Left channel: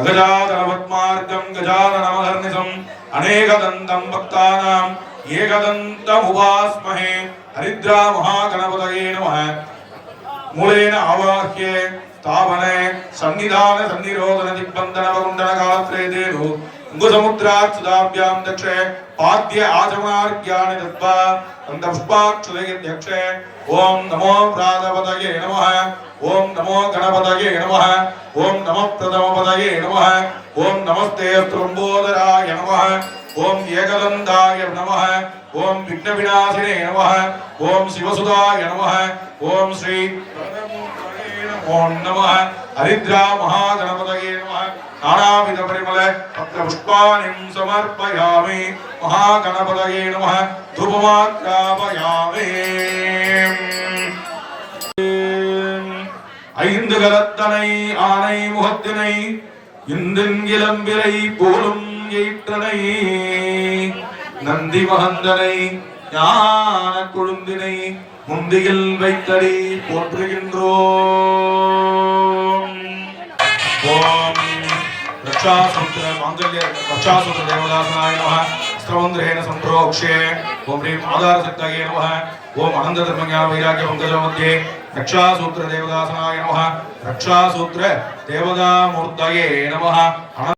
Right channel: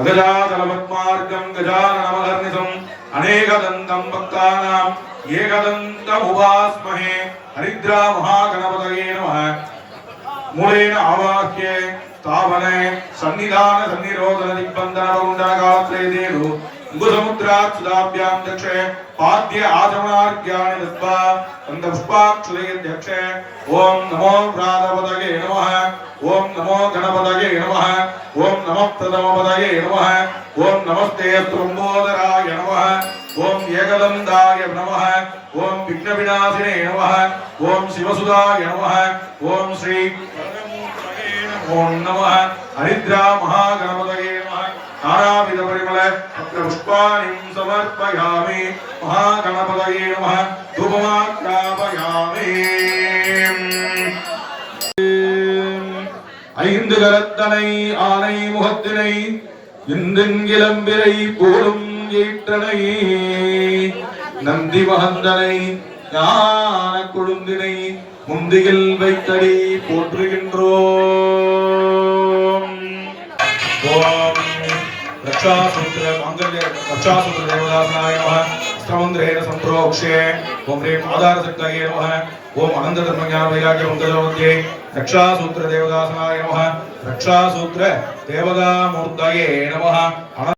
अगजाननपद्मार्गं गजाननमहर्निशम् अनेकदन्तं भक्तानां एकदन्तमुपास्महे हरिद्रा महागणपतये नमः मूलेन आवाह्य स्थापने सन्निधान सन्निरोधन दिग्बन्धन वरुण्डन कालत्रयेतेषु अंगुसमुद्राच्युताभ्यां दक्षे पाद्य आचमनार्घ्यानि दत्त्वा पुष्पाक्षुतयध्यक्षे ओम नमो प्रातपतये नमः ओम नमो गणपतये नमः ओम नमः प्रथमपतये नमः ओम नमस्ते स्त्रम्बोदराय नमः ओम एकदन्ताय नमः ओम विघ्नविनाशिने नमः ओम शिवसुधाय नमः ओम श्री नमो नमः हरिद्रा महागणपतये नमः नानाविध परिमल पत्रपुष्पाणिं समर्पयामि महागणपतये नमः धूपमाग्रापयामि ஐந்து கரத்தனை ஆனை முகத்தினை இந்தின் இளம்பிரை போலும் ஏற்றனை நந்தி மகந்தனை ஞான கொழுந்தினை முந்தியில் வைத்தடி போற்றுகின்றோம். ஓம் रक्षासूत्र मांगल्य रक्षासूत्र देवदासनाय नमः स्तवन्द्रेण संप्रोक्ष्ये ओम ह्रीं आधारशक्तये नमः ओम अनंत धर्मज्ञान वैराग्य मंगलमूर्ते रक्षासूत्र देवदासनाय नमः रक्षासूत्र देवदामूर्तये नमः।